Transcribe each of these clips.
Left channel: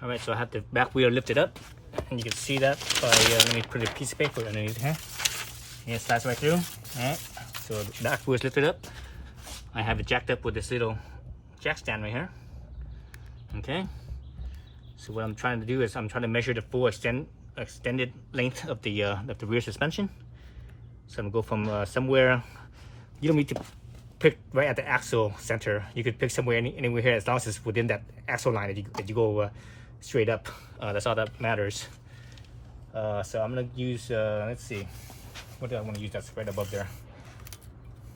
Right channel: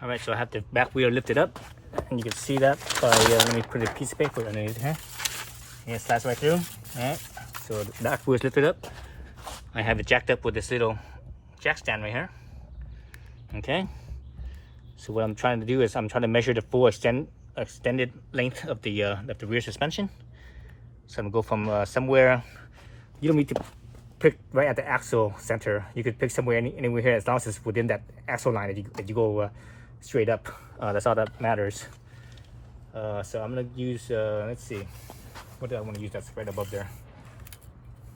All right, so I have the back wheel lifted up, and you can see that by, let me put a piece of paper underneath here. And it slides right through. All right, so the back wheel is lifted up. I have it jacked up with this little jack stand right here. Okay, so what I'm trying to do is I'm trying to measure the full extended length of the rear suspension. So I'm gonna go from somewhere. You don't need to pick right at the axle center. You could pick somewhere anywhere here, as long as it's within that axle line that you go straight up. That's all that matters. So I'm gonna use let's see, what do I want to use that's right above there?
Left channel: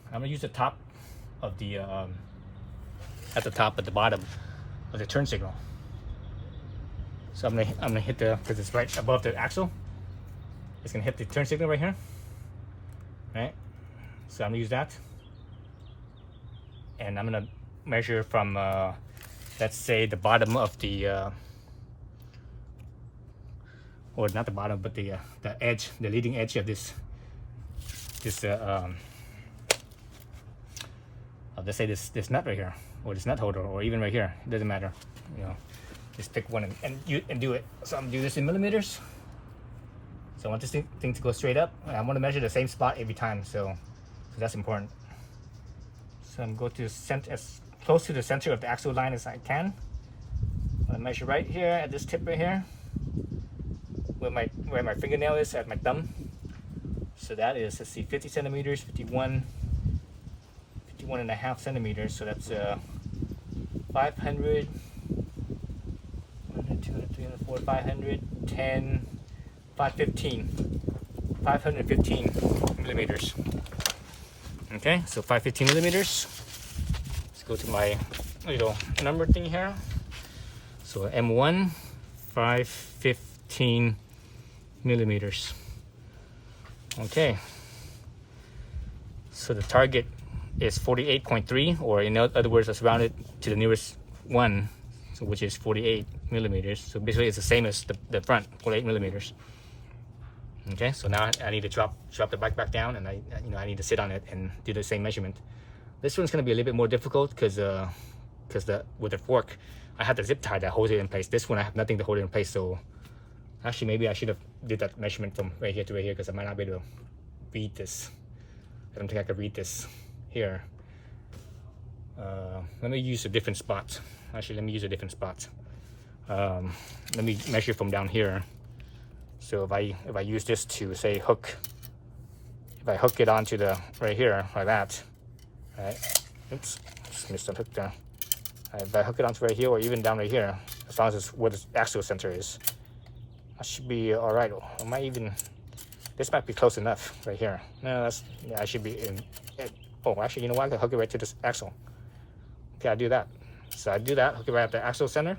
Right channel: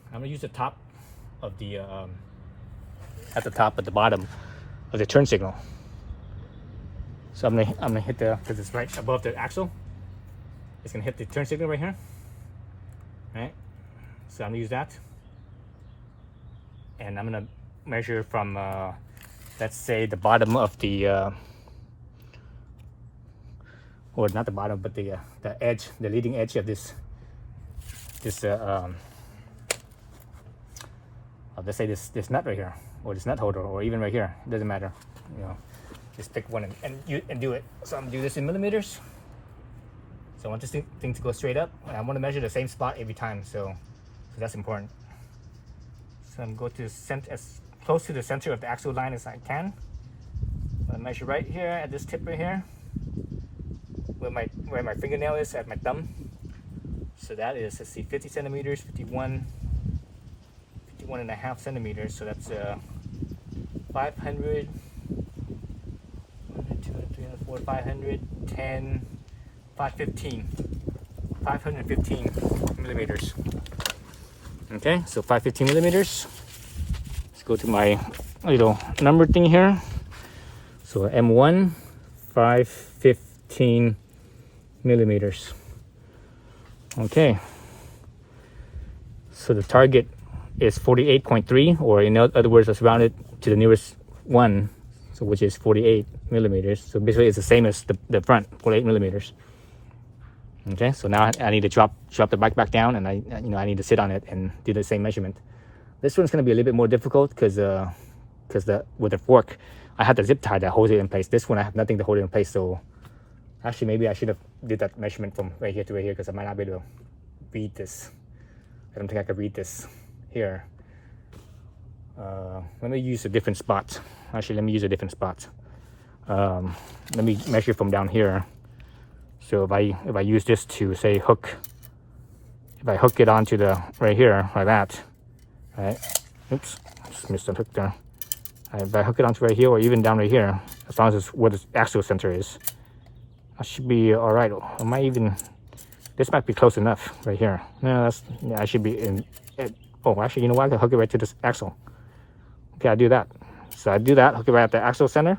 I'm gonna use the top of the at the bottom of the turn signal. So I'm gonna hit because it's right above the axle. It's gonna hit the turn signal right here. Right. So I'm gonna use that, and I'm gonna measure from let's say the bottom of the or not the bottom, but the edge, the leading edge of this let's say this nut right here, or this nut holder, or even right here. It doesn't matter, you know. Just pick one and do it. So I'm gonna do this in millimeters. So I want this thing to go straight up. I want to measure the same spot every time, so that's important. So I'm going to as close to the center of the axle line as I can. I'm gonna measure right here at this tip right here, where my fingernail is at my thumb. So that is, let's see, 50 centimeters, 51 and a half centimeters. So that's 500, 200, 300, 400, 510, 515 millimeters. Okay, so 515 millimeters. Let's go to my little number thing here. So M1, 515 millimeters. Okay, so the target is 48.3, or in other words, let's round it to the nearest one, so which is 48 millimeters. So basically it's the same as the front, 48 millimeters. Okay, so now I need to drop the bike back down, and I need to sit on it and do the same measurement. This one's going to be a little bit more difficult because with the fork I have the zip tie that holds it in place. This one I have nothing to hold it in place, so actually maybe I should have did that measurement from right here to right here, because I might not be able to read this. I don't think I could read this here. Let me use a different spot. Actually, let me use a different spot. Let me measure from down here. So if I use this to say hook, if I hook it onto the right here like that, right? Oops, just missed the hook there. If I hook it onto right here, or even down right here, as long as it's where the axle center is, I should be all right. I might even, this might be close enough right here. No, I should be in. Oh, actually, you know what? I can hook it right to this axle. Okay, I do that. So I do that, hook it right at the axle center.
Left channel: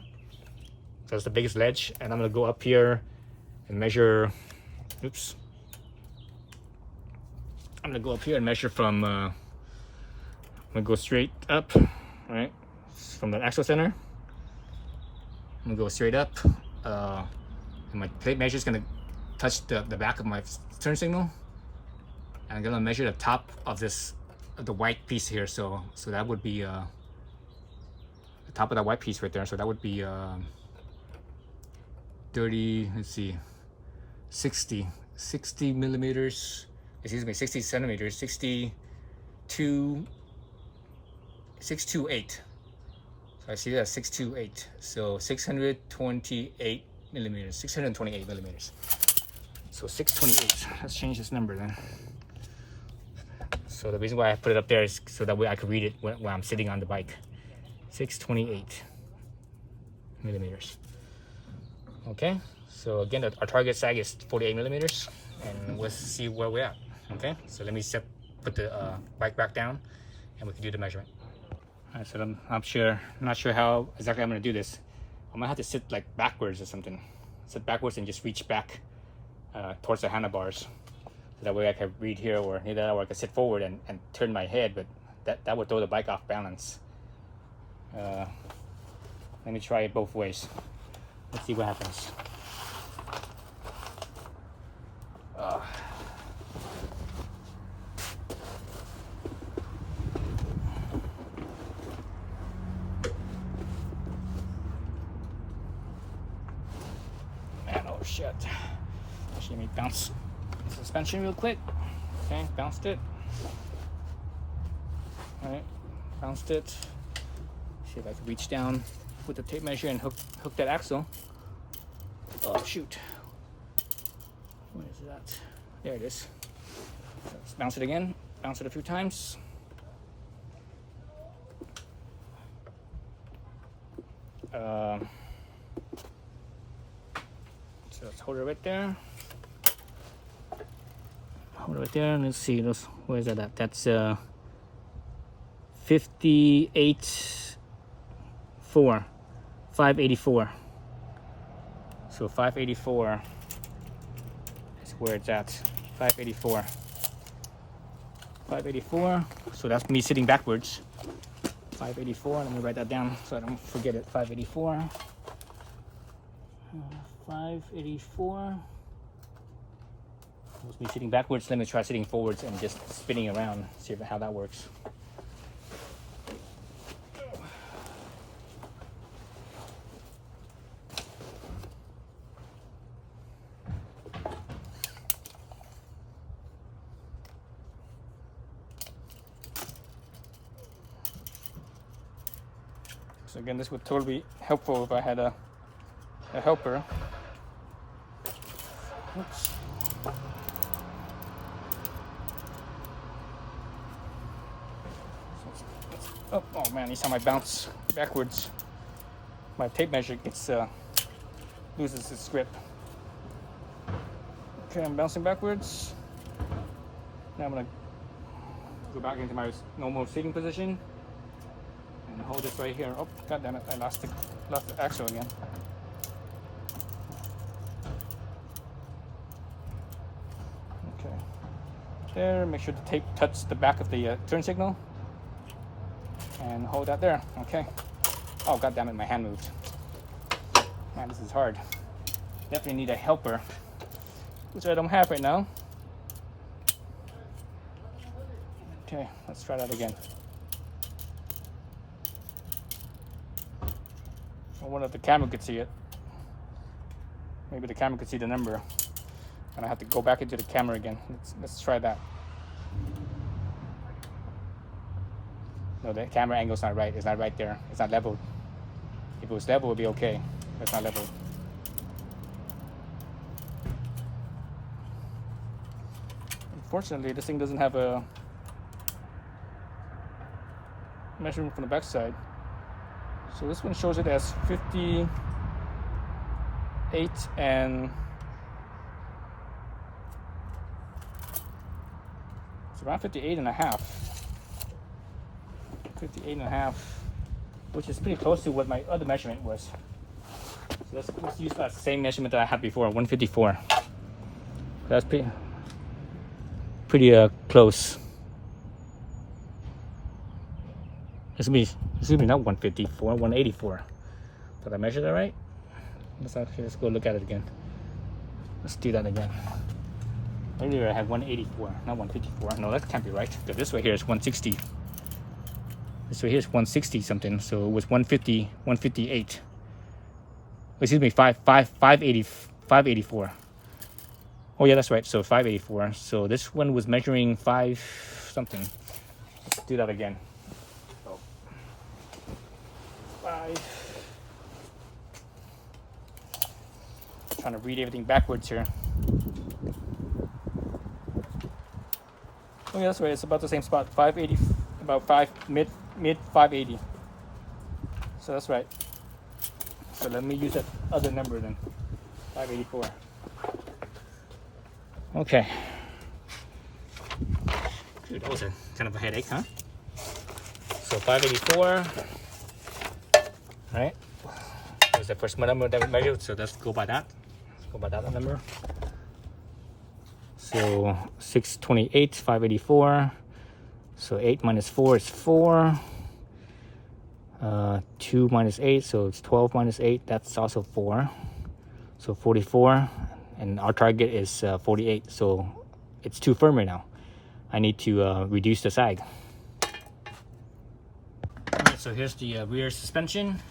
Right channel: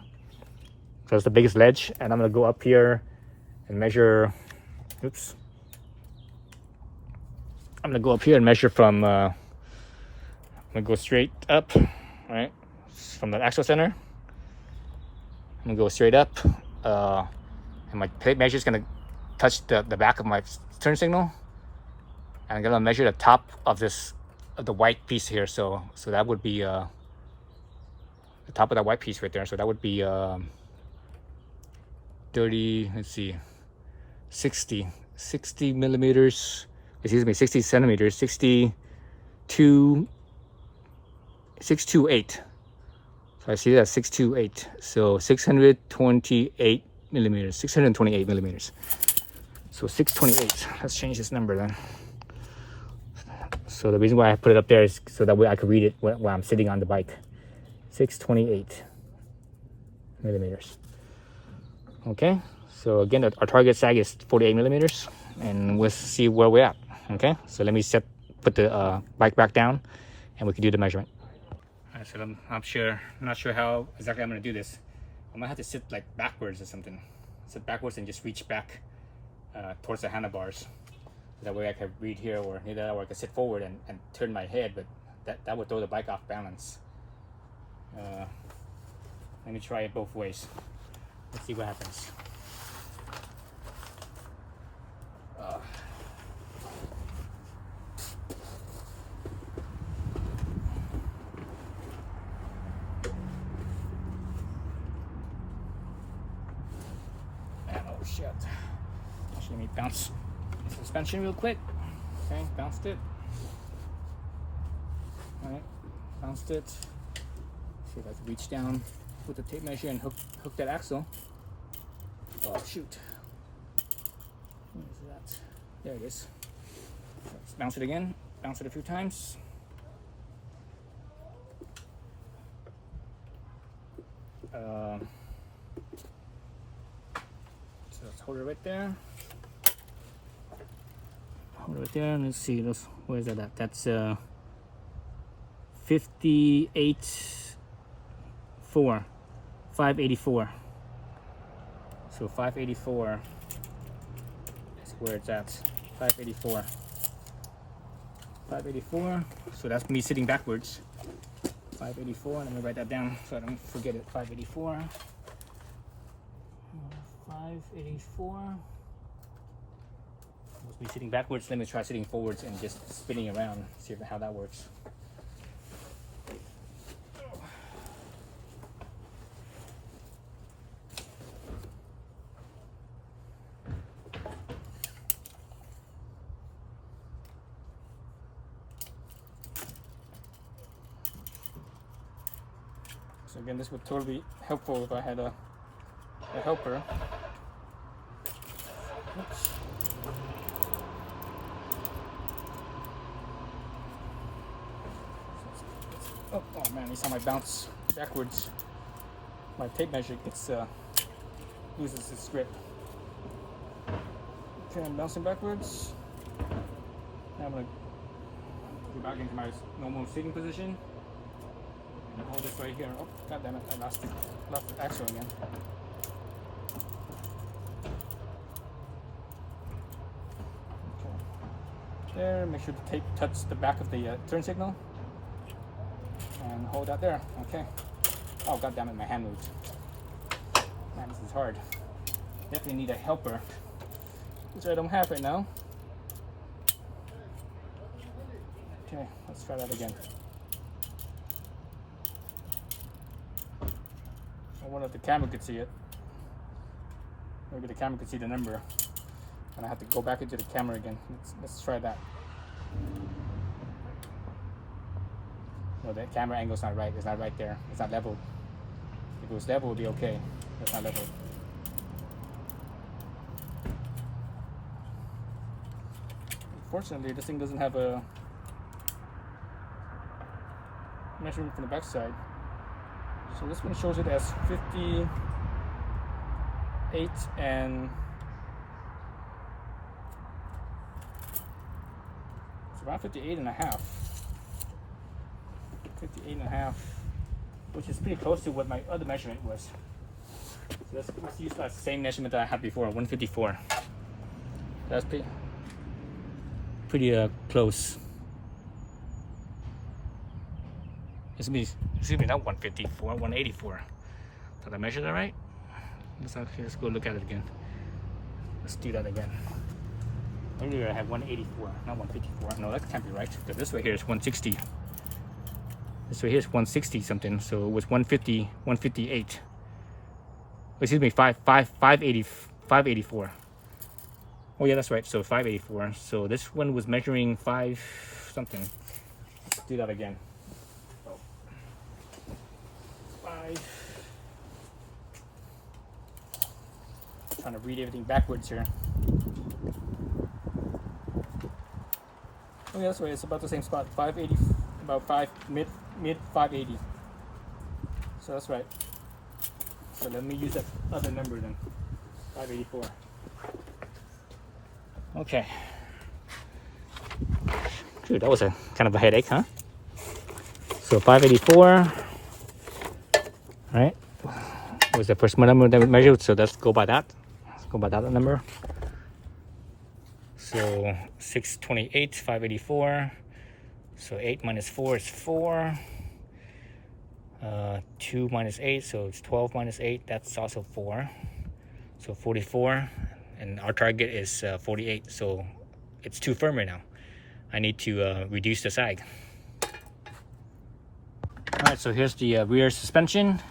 So it's the biggest ledge, and I'm gonna go up here and measure. Oops. I'm gonna go up here and measure from. I'm gonna go straight up, right, from the axle center. I'm gonna go straight up, and my plate measure is gonna touch the back of my turn signal, and I'm gonna measure the top of the white piece here. So that would be the top of that white piece right there. So that would be 30. Let's see, 60 millimeters. Excuse me, 60 centimeters. 628. So I see that 628. So 628 millimeters. 628 millimeters. So 628. Let's change this number then. So the reason why I put it up there is so that way I could read it when I'm sitting on the bike. 628 millimeters. Okay. So again, our target sag is 48 millimeters, and we'll see where we're at. Okay. So let me put the bike back down, and we can do the measurement. All right. So I'm not sure how exactly I'm going to do this. I'm gonna have to sit like backwards or something. Sit backwards and just reach back towards the handlebars. So that way I can read here, or either that, or I can sit forward and turn my head, but that would throw the bike off balance. Let me try it both ways. Let's see what happens. shit. Actually, let me bounce the suspension real quick. Okay, bounced it. Alright, bounced it. See if I can reach down with the tape measure and hook that axle. Oh shoot. Where is that? There it is. Let's bounce it again. Bounce it a few times. So let's hold it right there. Hold it right there, and let's see. Where is that at? That's 584. So 584 is where it's at. 584. 584. So that's me sitting backwards. 584. Let me write that down so I don't forget it. 584. 584. That's me sitting backwards. Let me try sitting forwards and just spinning around. See how that works. So again, this would totally be helpful if I had a helper. Oops. Oh man, each time I bounce backwards, my tape measure loses its grip. Okay, I'm bouncing backwards. Now I'm gonna go back into my normal seating position. And hold this right here. Oh, god damn it! I lost the axle again. Okay. There. Make sure the tape touches the back of the turn signal. And hold that there. Okay. Oh god damn it! My hand moves. Man, this is hard. Definitely need a helper, which I don't have right now. Okay. Let's try that again. I wonder if the camera could see it. Maybe the camera could see the number. And I have to go back into the camera again. Let's try that. No, the camera angle's not right. It's not right there. It's not leveled. If it was level, it would be okay. But it's not leveled. Unfortunately, this thing doesn't have a measurement from the back side. So this one shows it as 58 and it's around 58 and a half. 58 and a half, which is pretty close to what my other measurement was. So let's use that same measurement that I had before, 154. That's pretty close. It's gonna be not 154, 184. Did I measure that right? Let's go look at it again. Let's do that again. Earlier I had 184, not 154. No, that can't be right. So this right here is 160. This right here is 160 something. So it was 150, 158. Excuse me, 584. Oh yeah, that's right. So 584. So this one was measuring 5 something. Let's do that again. So 5. Trying to read everything backwards here. Oh yeah, that's right. It's about the same spot. 580, about mid 580. So that's right. So let me use that other number then. 584. Okay. Dude, that was a kind of a headache, huh? So 584. Right. That was the first number that we measured. So let's go by that. Let's go by that number. So 628, 584. So 8 minus 4 is 4. 2 minus 8, so it's 12 minus 8. That's also 4. So 44. And our target is 48. So it's too firm right now. I need to reduce the sag. Alright, so here's the rear suspension.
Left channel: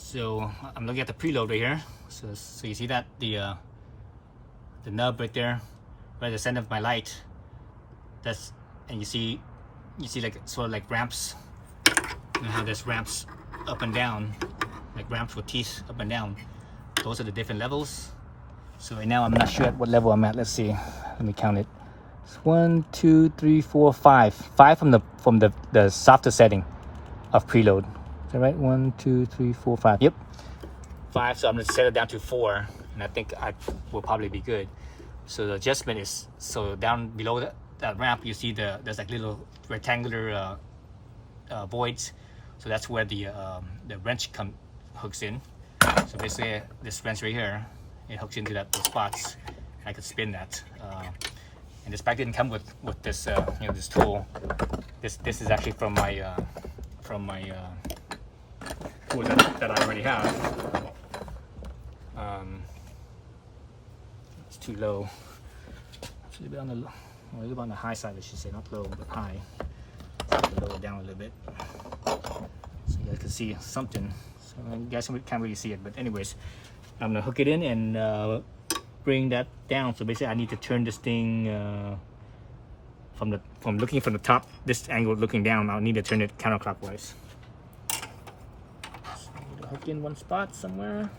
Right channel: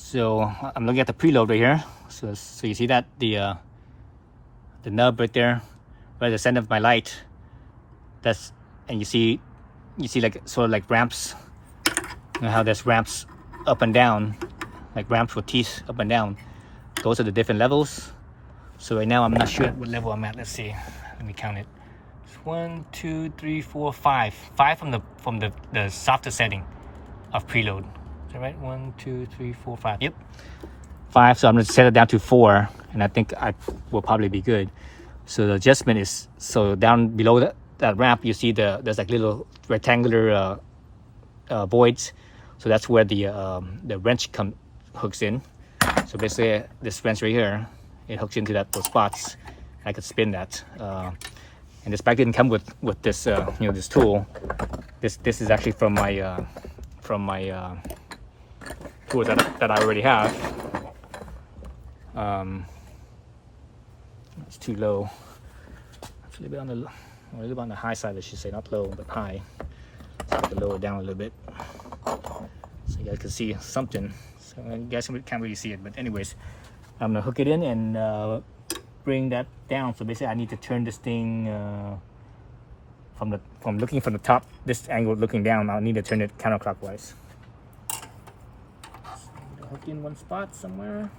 So I'm looking at the preload right here. So you see that the nub right there, right at the center of my light. That's, and you see like sort of like ramps. You know how there's ramps up and down, like ramps for teeth up and down. Those are the different levels. So right now I'm not sure at what level I'm at. Let's see. Let me count it. It's 1, 2, 3, 4, 5. 5 from the softer setting of preload. Is that right? 1, 2, 3, 4, 5. Yep. 5. So I'm gonna set it down to 4, and I think I will probably be good. So the adjustment is, so down below that ramp, you see there's like little rectangular voids. So that's where the wrench hooks in. So basically this wrench right here, it hooks into those spots, and I could spin that. And this bike didn't come with this this tool. This is actually from my tools that I already have. It's too low. It's a little bit on the high side, I should say, not low but high. To lower it down a little bit so you guys can see something. So you guys can't really see it, but anyways, I'm gonna hook it in and bring that down. So basically I need to turn this thing from looking from the top, this angle looking down, I'll need to turn it counterclockwise. So I need to hook in one spot somewhere.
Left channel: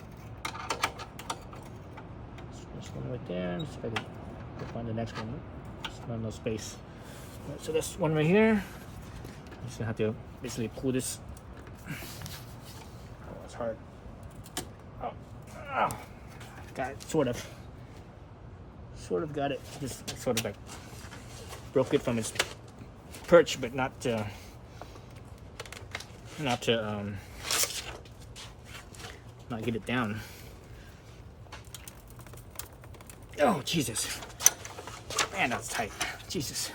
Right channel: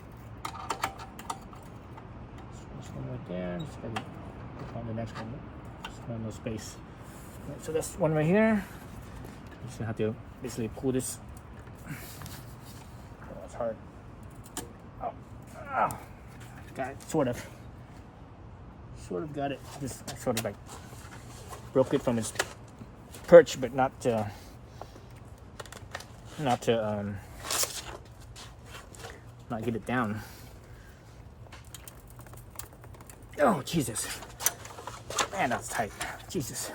This one right there. Let's see if I can find the next one. There's no space. So that's one right here. I'm just gonna have to basically pull this. Oh, it's hard. Oh, got it, sort of got it. Just sort of like broke it from its perch, but not to not get it down. Oh Jesus, man, that's tight. Jesus.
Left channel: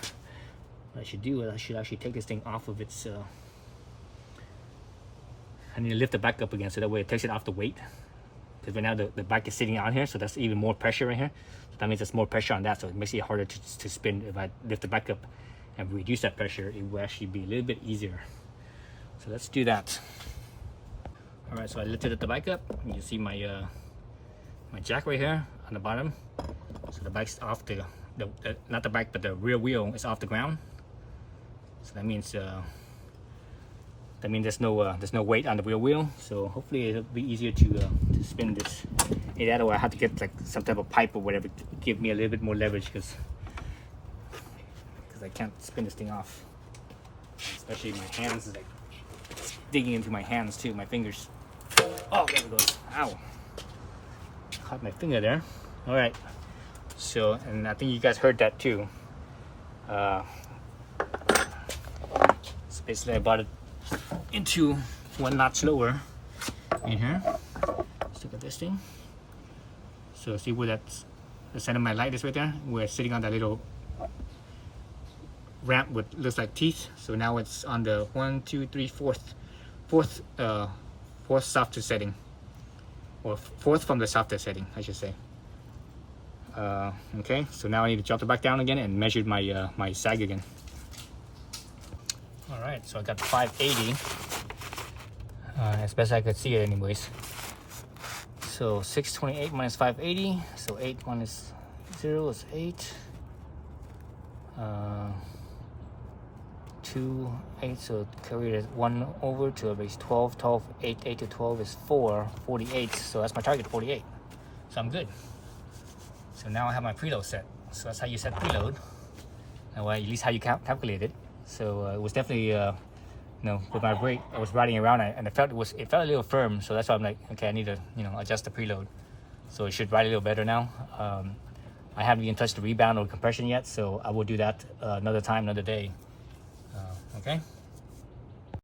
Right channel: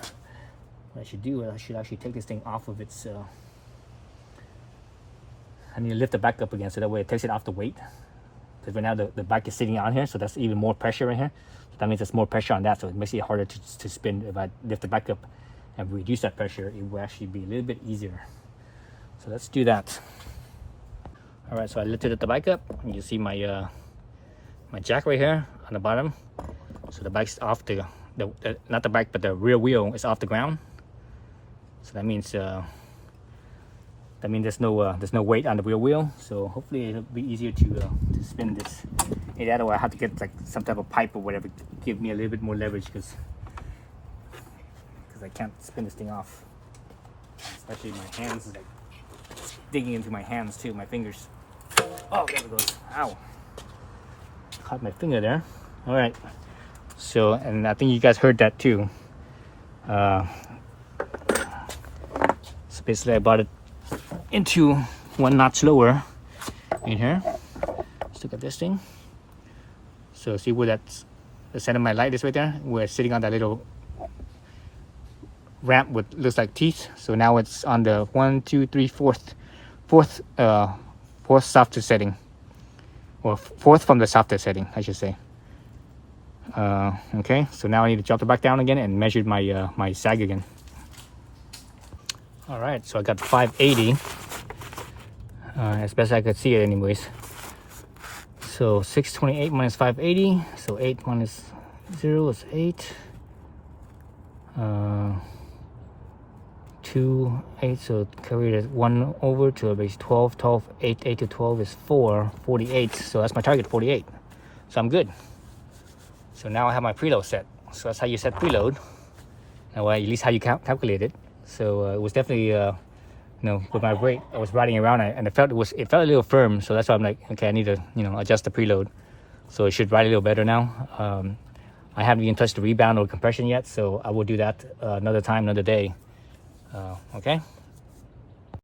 What I should do is I should actually take this thing off of its. I need to lift the back up again, so that way it takes it off the weight. Because right now the bike is sitting on here, so that's even more pressure right here. So that means there's more pressure on that, so it makes it harder to spin. If I lift the back up and reduce that pressure, it will actually be a little bit easier. So let's do that. All right, so I lifted the bike up, and you see my my jack right here on the bottom. So the bike's off not the bike, but the rear wheel is off the ground. So that means there's no weight on the rear wheel. So hopefully it'll be easier to spin this. Either way, I have to get like some type of pipe or whatever to give me a little bit more leverage, because I can't spin this thing off. Especially my hands is like digging into my hands too, my fingers. Oh, there it goes. Ow! Caught my finger there. All right. So, and I think you guys heard that too. So basically I brought it into one notch lower in here. Let's look at this thing. So see where that's the center of my light is right there? We're sitting on that little ramp with looks like teeth. So now it's on the 1, 2, 3, fourth softer setting. Well, fourth from the softer setting, I should say. Okay, so now I need to drop it back down again and measure my my sag again. All right, so I got 580 as best I could see it anyways. So 628 minus 580, so 8 minus 0 is 8. 2, 8, so carry it 1 over to a base 12, 12, 8, 8 to 12 is 4, 48. So that's my target, 48. So I'm good. So now I have my preload set. So that's how you set preload. Well, at least how you calculate it. So it was definitely, with my brake, I was riding around and it felt a little firm. So that's why I'm like, okay, I need to, adjust the preload. So it should ride a little better now. I haven't even touched the rebound or compression yet, so I will do that another time, another day. Okay.